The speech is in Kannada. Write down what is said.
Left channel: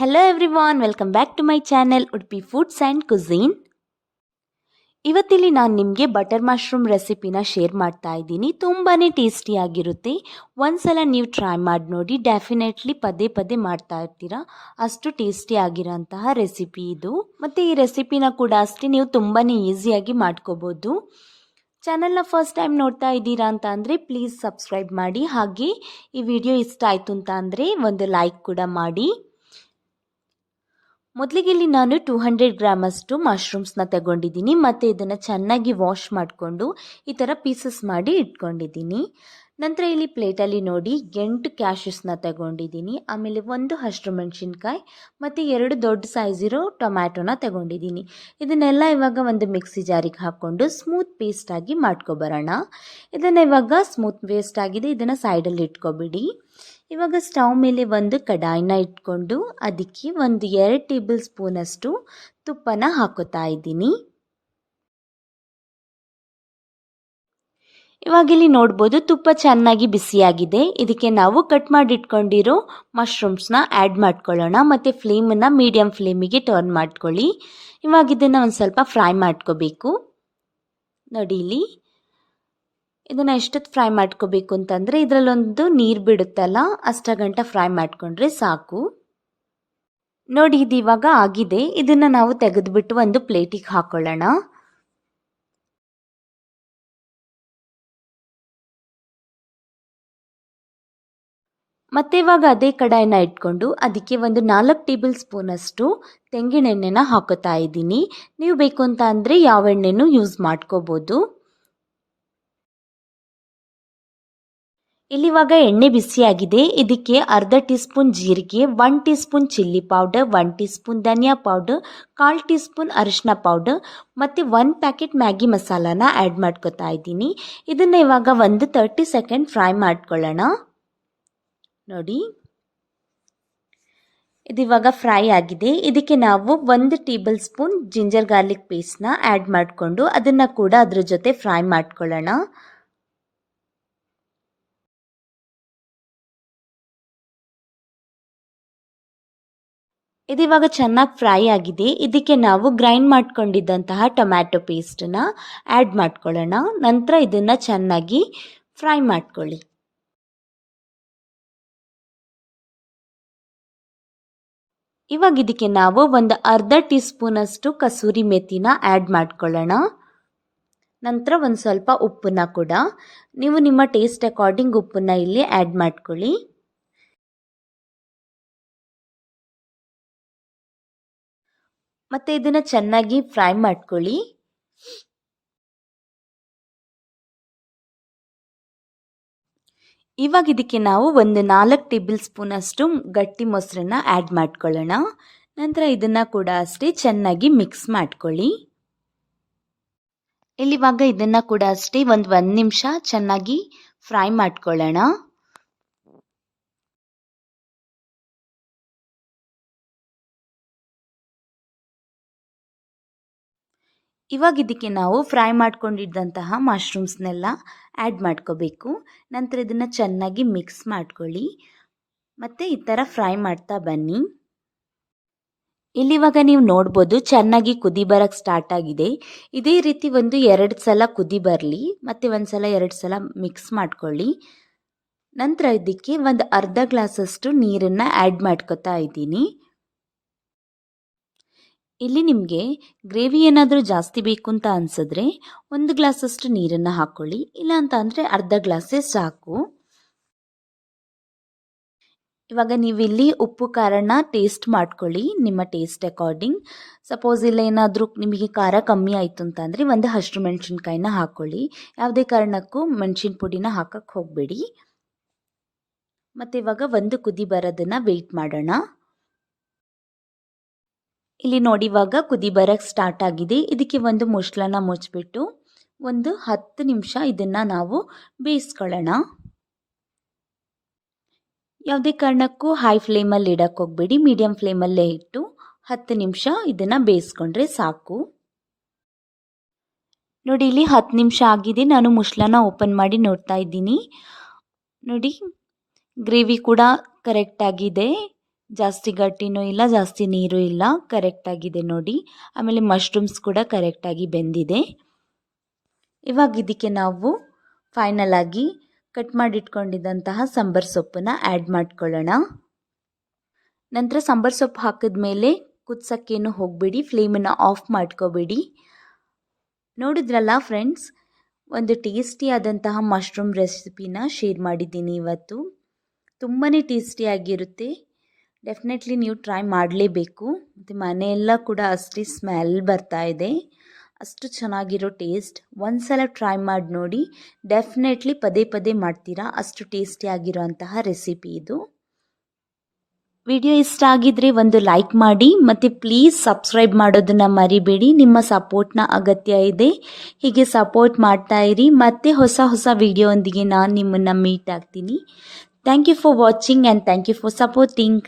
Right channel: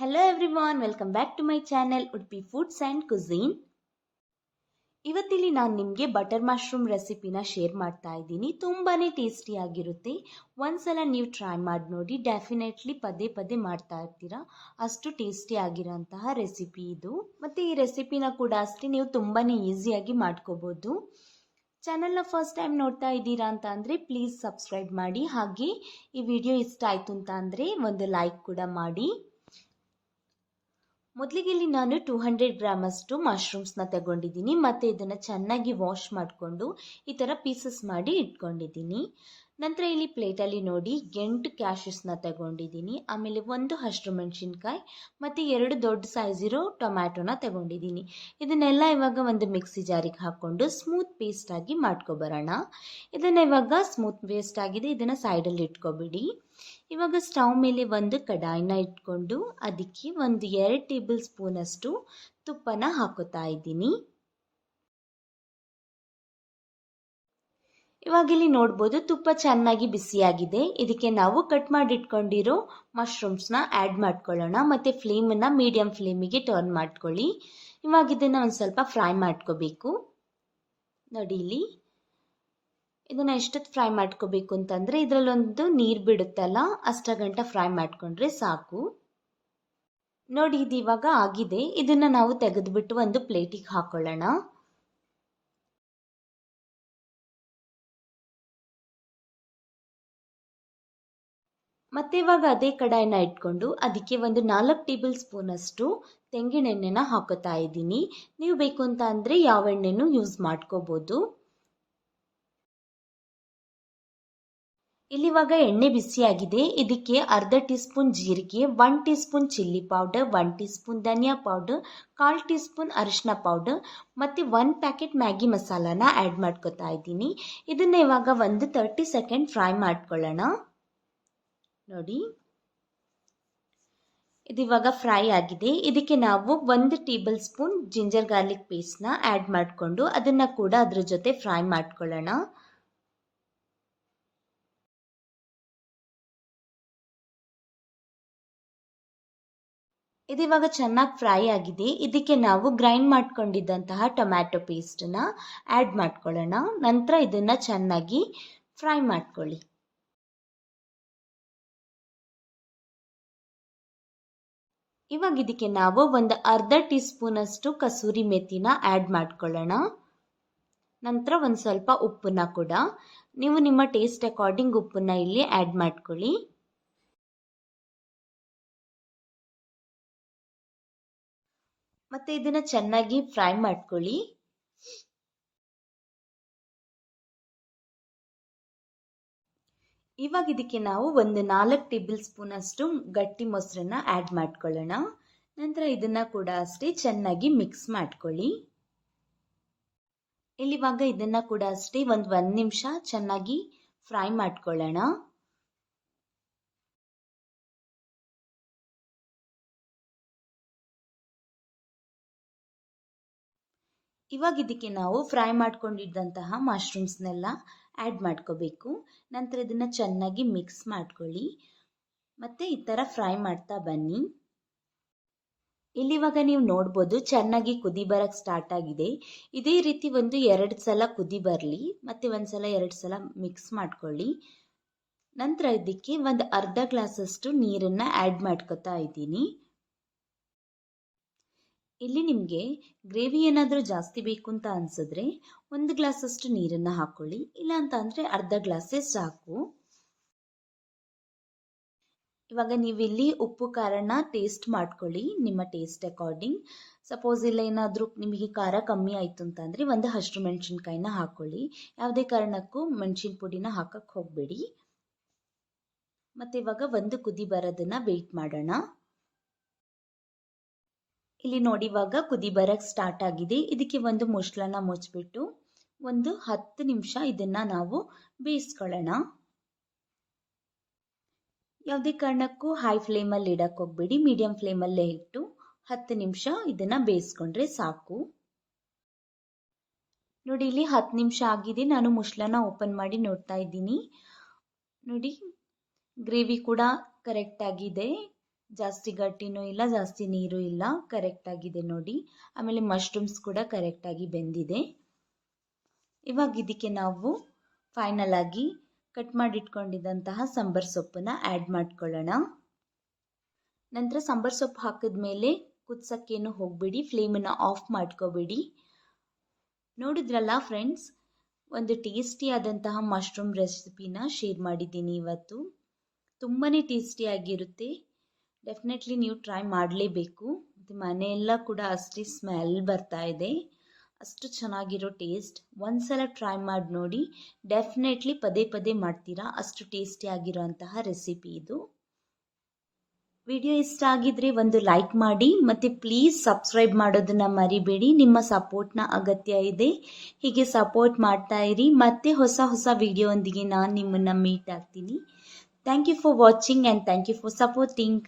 Hello everyone, welcome back to my channel Udupi Foods and Cuisine. ಇವತ್ತಿಲ್ಲಿ ನಾನು ನಿಮಗೆ ಬಟರ್ ಮಶ್ರೂಮ್ ರೆಸಿಪಿನ ಶೇರ್ ಮಾಡ್ತಾ ಇದ್ದೀನಿ. ತುಂಬಾ ಟೇಸ್ಟಿಯಾಗಿರುತ್ತೆ. ಒಂದ್ಸಲ ನೀವು ಟ್ರೈ ಮಾಡಿ ನೋಡಿ, ಡೆಫಿನೆಟ್ಲಿ ಪದೇ ಪದೇ ಮಾಡ್ತಾ ಇರ್ತೀರಾ. ಅಷ್ಟು ಟೇಸ್ಟಿಯಾಗಿರೋಂತಹ ರೆಸಿಪಿ ಇದು. ಮತ್ತು ಈ ರೆಸಿಪಿನ ಕೂಡ ಅಷ್ಟೇ ನೀವು ತುಂಬಾ ಈಸಿಯಾಗಿ ಮಾಡ್ಕೋಬೋದು. ಚಾನಲ್ನ ಫಸ್ಟ್ ಟೈಮ್ ನೋಡ್ತಾ ಇದ್ದೀರಾ ಅಂತ ಅಂದರೆ ಪ್ಲೀಸ್ ಸಬ್ಸ್ಕ್ರೈಬ್ ಮಾಡಿ. ಹಾಗೆ ಈ ವಿಡಿಯೋ ಇಷ್ಟ ಆಯಿತು ಅಂತ ಅಂದರೆ ಒಂದು ಲೈಕ್ ಕೂಡ ಮಾಡಿ. ಮೊದಲಿಗೆ ಇಲ್ಲಿ ನಾನು 200 ಗ್ರಾಮಷ್ಟು ಮಶ್ರೂಮ್ಸ್ನ ತಗೊಂಡಿದ್ದೀನಿ ಮತ್ತು ಇದನ್ನು ಚೆನ್ನಾಗಿ ವಾಶ್ ಮಾಡಿಕೊಂಡು ಈ ಥರ ಪೀಸಸ್ ಮಾಡಿ ಇಟ್ಕೊಂಡಿದ್ದೀನಿ. ನಂತರ ಇಲ್ಲಿ ಪ್ಲೇಟಲ್ಲಿ ನೋಡಿ 8 ಕ್ಯಾಶ್ಯೂಸ್ನ ತಗೊಂಡಿದ್ದೀನಿ. ಆಮೇಲೆ 1 ಹಸಿರು ಮೆಣಸಿನ್ಕಾಯಿ ಮತ್ತು 2 ದೊಡ್ಡ ಸೈಜ್ ಇರೋ ಟೊಮ್ಯಾಟೊನ ತಗೊಂಡಿದ್ದೀನಿ. ಇದನ್ನೆಲ್ಲ ಇವಾಗ ಒಂದು ಮಿಕ್ಸಿ ಜಾರಿಗೆ ಹಾಕ್ಕೊಂಡು ಸ್ಮೂತ್ ಪೇಸ್ಟಾಗಿ ಮಾಡ್ಕೊಬರೋಣ. ಇದನ್ನು ಇವಾಗ ಸ್ಮೂತ್ ಪೇಸ್ಟ್ ಆಗಿದೆ, ಇದನ್ನು ಸೈಡಲ್ಲಿ ಇಟ್ಕೊಬಿಡಿ. ಇವಾಗ ಸ್ಟವ್ ಮೇಲೆ ಒಂದು ಕಡಾಯಿನ ಇಟ್ಕೊಂಡು ಅದಕ್ಕೆ ಒಂದು 2 ಟೇಬಲ್ ಸ್ಪೂನಷ್ಟು ತುಪ್ಪನ ಹಾಕೋತಾ ಇದ್ದೀನಿ. ಇವಾಗ ಇಲ್ಲಿ ನೋಡ್ಬೋದು ತುಪ್ಪ ಚೆನ್ನಾಗಿ ಬಿಸಿಯಾಗಿದೆ. ಇದಕ್ಕೆ ನಾವು ಕಟ್ ಮಾಡಿ ಇಟ್ಕೊಂಡಿರೋ ಮಶ್ರೂಮ್ಸ್ನ ಆ್ಯಡ್ ಮಾಡ್ಕೊಳ್ಳೋಣ ಮತ್ತು ಫ್ಲೇಮನ್ನು ಮೀಡಿಯಮ್ ಫ್ಲೇಮಿಗೆ ಟರ್ನ್ ಮಾಡ್ಕೊಳ್ಳಿ. ಇವಾಗ ಇದನ್ನು ಒಂದು ಸ್ವಲ್ಪ ಫ್ರೈ ಮಾಡ್ಕೋಬೇಕು. ನೋಡಿ ಇಲ್ಲಿ ಇದನ್ನು ಎಷ್ಟೊತ್ತು ಫ್ರೈ ಮಾಡ್ಕೋಬೇಕು ಅಂತಂದರೆ ಇದರಲ್ಲೊಂದು ನೀರು ಬಿಡುತ್ತಲ್ಲ ಅಷ್ಟಗಂಟ ಫ್ರೈ ಮಾಡಿಕೊಂಡ್ರೆ ಸಾಕು. ನೋಡಿ ಇದು ಇವಾಗ ಆಗಿದೆ. ಇದನ್ನು ನಾವು ತೆಗೆದುಬಿಟ್ಟು ಒಂದು ಪ್ಲೇಟಿಗೆ ಹಾಕೊಳ್ಳೋಣ. ಮತ್ತೆ ಇವಾಗ ಅದೇ ಕಡಾಯಿನ ಇಟ್ಕೊಂಡು ಅದಕ್ಕೆ ಒಂದು 4 ಟೇಬಲ್ ಸ್ಪೂನಷ್ಟು ತೆಂಗಿನ ಎಣ್ಣೆನ ಹಾಕೋತಾ ಇದ್ದೀನಿ. ನೀವು ಬೇಕು ಅಂತ ಅಂದರೆ ಯಾವ ಎಣ್ಣೆನೂ ಯೂಸ್ ಮಾಡ್ಕೋಬೋದು. ಇಲ್ಲಿವಾಗ ಎಣ್ಣೆ ಬಿಸಿಯಾಗಿದೆ. ಇದಕ್ಕೆ ಅರ್ಧ ಟೀ ಸ್ಪೂನ್ ಜೀರಿಗೆ, 1 tea spoon chilli powder, 1 tea spoon ಧನಿಯಾ ಪೌಡರ್, 1/4 ಟೀ ಸ್ಪೂನ್ ಅರಿಶಿನ ಪೌಡರ್ ಮತ್ತು 1 ಪ್ಯಾಕೆಟ್ ಮ್ಯಾಗಿ ಮಸಾಲಾನ ಆ್ಯಡ್ ಮಾಡ್ಕೊತಾ ಇದ್ದೀನಿ. ಇದನ್ನು ಇವಾಗ ಒಂದು 30 ಸೆಕೆಂಡ್ ಫ್ರೈ ಮಾಡ್ಕೊಳ್ಳೋಣ. ನೋಡಿ ಇದಿವಾಗ ಫ್ರೈ ಆಗಿದೆ. ಇದಕ್ಕೆ ನಾವು 1 ಟೇಬಲ್ ಸ್ಪೂನ್ ಜಿಂಜರ್ ಗಾರ್ಲಿಕ್ ಪೇಸ್ಟ್ನ ಆ್ಯಡ್ ಮಾಡಿಕೊಂಡು ಅದನ್ನು ಕೂಡ ಅದ್ರ ಜೊತೆ ಫ್ರೈ ಮಾಡ್ಕೊಳ್ಳೋಣ. ಇದಿವಾಗ ಚೆನ್ನಾಗಿ ಫ್ರೈ ಆಗಿದೆ. ಇದಕ್ಕೆ ನಾವು ಗ್ರೈಂಡ್ ಮಾಡ್ಕೊಂಡಿದ್ದಂತಹ ಟೊಮ್ಯಾಟೊ ಪೇಸ್ಟನ್ನ ಆ್ಯಡ್ ಮಾಡ್ಕೊಳ್ಳೋಣ. ನಂತರ ಇದನ್ನು ಚೆನ್ನಾಗಿ ಫ್ರೈ ಮಾಡ್ಕೊಳ್ಳಿ. ಇವಾಗ ಇದಕ್ಕೆ ನಾವು ಒಂದು ಅರ್ಧ ಟೀ ಸ್ಪೂನಷ್ಟು ಕಸೂರಿ ಮೆಥಿನ ಆ್ಯಡ್ ಮಾಡ್ಕೊಳ್ಳೋಣ. ನಂತರ ಒಂದು ಸ್ವಲ್ಪ ಉಪ್ಪನ್ನ ಕೂಡ ನೀವು ನಿಮ್ಮ ಟೇಸ್ಟ್ ಅಕಾರ್ಡಿಂಗ್ ಉಪ್ಪನ್ನ ಇಲ್ಲಿ ಆ್ಯಡ್ ಮಾಡ್ಕೊಳ್ಳಿ. ಮತ್ತು ಇದನ್ನು ಚೆನ್ನಾಗಿ ಫ್ರೈ ಮಾಡ್ಕೊಳ್ಳಿ. ಇವಾಗ ಇದಕ್ಕೆ ನಾವು ಒಂದು 4 ಟೇಬಲ್ ಸ್ಪೂನಷ್ಟು ಗಟ್ಟಿ ಮೊಸರನ್ನ ಆ್ಯಡ್ ಮಾಡ್ಕೊಳ್ಳೋಣ. ನಂತರ ಇದನ್ನು ಕೂಡ ಅಷ್ಟೇ ಚೆನ್ನಾಗಿ ಮಿಕ್ಸ್ ಮಾಡ್ಕೊಳ್ಳಿ. ಇಲ್ಲಿವಾಗ ಇದನ್ನು ಕೂಡ ಅಷ್ಟೇ ಒಂದು ನಿಮಿಷ ಚೆನ್ನಾಗಿ ಫ್ರೈ ಮಾಡ್ಕೊಳ್ಳೋಣ. ಇವಾಗ ಇದಕ್ಕೆ ನಾವು ಫ್ರೈ ಮಾಡ್ಕೊಂಡಿದ್ದಂತಹ ಮಶ್ರೂಮ್ಸ್ನೆಲ್ಲ ಆ್ಯಡ್ ಮಾಡ್ಕೋಬೇಕು. ನಂತರ ಇದನ್ನು ಚೆನ್ನಾಗಿ ಮಿಕ್ಸ್ ಮಾಡ್ಕೊಳ್ಳಿ ಮತ್ತು ಈ ಥರ ಫ್ರೈ ಮಾಡ್ತಾ ಬನ್ನಿ. ಇಲ್ಲಿವಾಗ ನೀವು ನೋಡ್ಬೋದು ಚೆನ್ನಾಗಿ ಕುದಿ ಬರೋಕ್ಕೆ ಸ್ಟಾರ್ಟ್ ಆಗಿದೆ. ಇದೇ ರೀತಿ ಒಂದು 2 ಸಲ ಕುದಿ ಬರಲಿ ಮತ್ತು 1 ಸಲ 2 ಸಲ ಮಿಕ್ಸ್ ಮಾಡ್ಕೊಳ್ಳಿ. ನಂತರ ಇದಕ್ಕೆ ಒಂದು ಅರ್ಧ ಗ್ಲಾಸಷ್ಟು ನೀರನ್ನು ಆ್ಯಡ್ ಮಾಡ್ಕೊತಾ ಇದ್ದೀನಿ. ಇಲ್ಲಿ ನಿಮಗೆ ಗ್ರೇವಿ ಏನಾದರೂ ಜಾಸ್ತಿ ಬೇಕು ಅಂತ ಅನಿಸಿದ್ರೆ 1 ಗ್ಲಾಸಷ್ಟು ನೀರನ್ನು ಹಾಕ್ಕೊಳ್ಳಿ, ಇಲ್ಲ ಅಂತ ಅಂದರೆ ಅರ್ಧ ಗ್ಲಾಸೇ ಸಾಕು. ಇವಾಗ ನೀವಿಲ್ಲಿ ಉಪ್ಪು ಖಾರನ ಟೇಸ್ಟ್ ಮಾಡ್ಕೊಳ್ಳಿ ನಿಮ್ಮ ಟೇಸ್ಟ್ ಅಕಾರ್ಡಿಂಗ್. ಸಪೋಸ್ ಇಲ್ಲ ಏನಾದರೂ ನಿಮಗೆ ಖಾರ ಕಮ್ಮಿ ಆಯಿತು ಅಂತಂದರೆ ಒಂದು ಹಸಿರು ಮೆಣಸಿನ್ಕಾಯಿನ ಹಾಕ್ಕೊಳ್ಳಿ. ಯಾವುದೇ ಕಾರಣಕ್ಕೂ ಮೆಣಸಿನ ಪುಡಿನ ಹಾಕಕ್ಕೆ ಹೋಗಬೇಡಿ. ಮತ್ತು ಇವಾಗ ಒಂದು ಕುದಿ ಬರೋದನ್ನು ವೆಯ್ಟ್ ಮಾಡೋಣ. ಇಲ್ಲಿ ನೋಡಿ ಇವಾಗ ಕುದಿ ಬರೋಕ್ಕೆ ಸ್ಟಾರ್ಟ್ ಆಗಿದೆ. ಇದಕ್ಕೆ ಒಂದು ಮುಚ್ಚಳನ ಮುಚ್ಚಿಬಿಟ್ಟು ಒಂದು 10 ನಿಮಿಷ ಇದನ್ನು ನಾವು ಬೇಯಿಸ್ಕೊಳ್ಳೋಣ. ಯಾವುದೇ ಕಾರಣಕ್ಕೂ ಹೈ ಫ್ಲೇಮಲ್ಲಿ ಇಡಕ್ಕೆ ಹೋಗಬೇಡಿ, ಮೀಡಿಯಮ್ ಫ್ಲೇಮಲ್ಲೇ ಇಟ್ಟು 10 ನಿಮಿಷ ಇದನ್ನು ಬೇಯಿಸ್ಕೊಂಡ್ರೆ ಸಾಕು. ನೋಡಿ ಇಲ್ಲಿ 10 ನಿಮಿಷ ಆಗಿದೆ. ನಾನು ಮುಚ್ಚಳನ ಓಪನ್ ಮಾಡಿ ನೋಡ್ತಾ ಇದ್ದೀನಿ. ನೋಡಿ ಗ್ರೇವಿ ಕೂಡ ಕರೆಕ್ಟಾಗಿದೆ. ಜಾಸ್ತಿ ಗಟ್ಟಿನೂ ಇಲ್ಲ, ಜಾಸ್ತಿ ನೀರು ಇಲ್ಲ, ಕರೆಕ್ಟಾಗಿದೆ ನೋಡಿ. ಆಮೇಲೆ ಮಶ್ರೂಮ್ಸ್ ಕೂಡ ಕರೆಕ್ಟಾಗಿ ಬೆಂದಿದೆ. ಇವಾಗ ಇದಕ್ಕೆ ನಾವು ಫೈನಲ್ ಆಗಿ ಕಟ್ ಮಾಡಿಟ್ಕೊಂಡಿದ್ದಂತಹ ಸಾಂಬಾರ್ ಸೊಪ್ಪನ್ನು ಆ್ಯಡ್ ಮಾಡ್ಕೊಳ್ಳೋಣ. ನಂತರ ಸಾಂಬಾರ್ ಸೊಪ್ಪು ಹಾಕಿದ್ಮೇಲೆ ಕುದಿಸೋಕ್ಕೇನು ಹೋಗಬೇಡಿ, ಫ್ಲೇಮನ್ನು ಆಫ್ ಮಾಡ್ಕೋಬೇಡಿ. ನೋಡಿದ್ರಲ್ಲ ಫ್ರೆಂಡ್ಸ್, ಒಂದು ಟೇಸ್ಟಿಯಾದಂತಹ ಮಶ್ರೂಮ್ ರೆಸಿಪಿನ ಶೇರ್ ಮಾಡಿದ್ದೀನಿ ಇವತ್ತು. ತುಂಬಾ ಟೇಸ್ಟಿಯಾಗಿರುತ್ತೆ. ಡೆಫಿನೆಟ್ಲಿ ನೀವು ಟ್ರೈ ಮಾಡಲೇಬೇಕು. ಮತ್ತು ಮನೆಯೆಲ್ಲ ಕೂಡ ಅಷ್ಟೇ ಸ್ಮೆಲ್ ಬರ್ತಾ ಇದೆ, ಅಷ್ಟು ಚೆನ್ನಾಗಿರೋ ಟೇಸ್ಟ್. ಒಂದ್ಸಲ ಟ್ರೈ ಮಾಡಿ ನೋಡಿ, ಡೆಫಿನೆಟ್ಲಿ ಪದೇ ಪದೇ ಮಾಡ್ತೀರಾ, ಅಷ್ಟು ಟೇಸ್ಟಿಯಾಗಿರೋಂತಹ ರೆಸಿಪಿ ಇದು. ವಿಡಿಯೋ ಇಷ್ಟ ಆಗಿದ್ರೆ ಒಂದು ಲೈಕ್ ಮಾಡಿ ಮತ್ತು ಪ್ಲೀಸ್ ಸಬ್ಸ್ಕ್ರೈಬ್ ಮಾಡೋದನ್ನು ಮರಿಬೇಡಿ. ನಿಮ್ಮ ಸಪೋರ್ಟ್ನ ಅಗತ್ಯ ಇದೆ. ಹೀಗೆ ಸಪೋರ್ಟ್ ಮಾಡ್ತಾ ಇರಿ. ಮತ್ತೆ ಹೊಸ ಹೊಸ ವಿಡಿಯೋಂದಿಗೆ ನಾನು ನಿಮ್ಮನ್ನು ಮೀಟ್ ಆಗ್ತೀನಿ. Thank you for watching and thank you for supporting.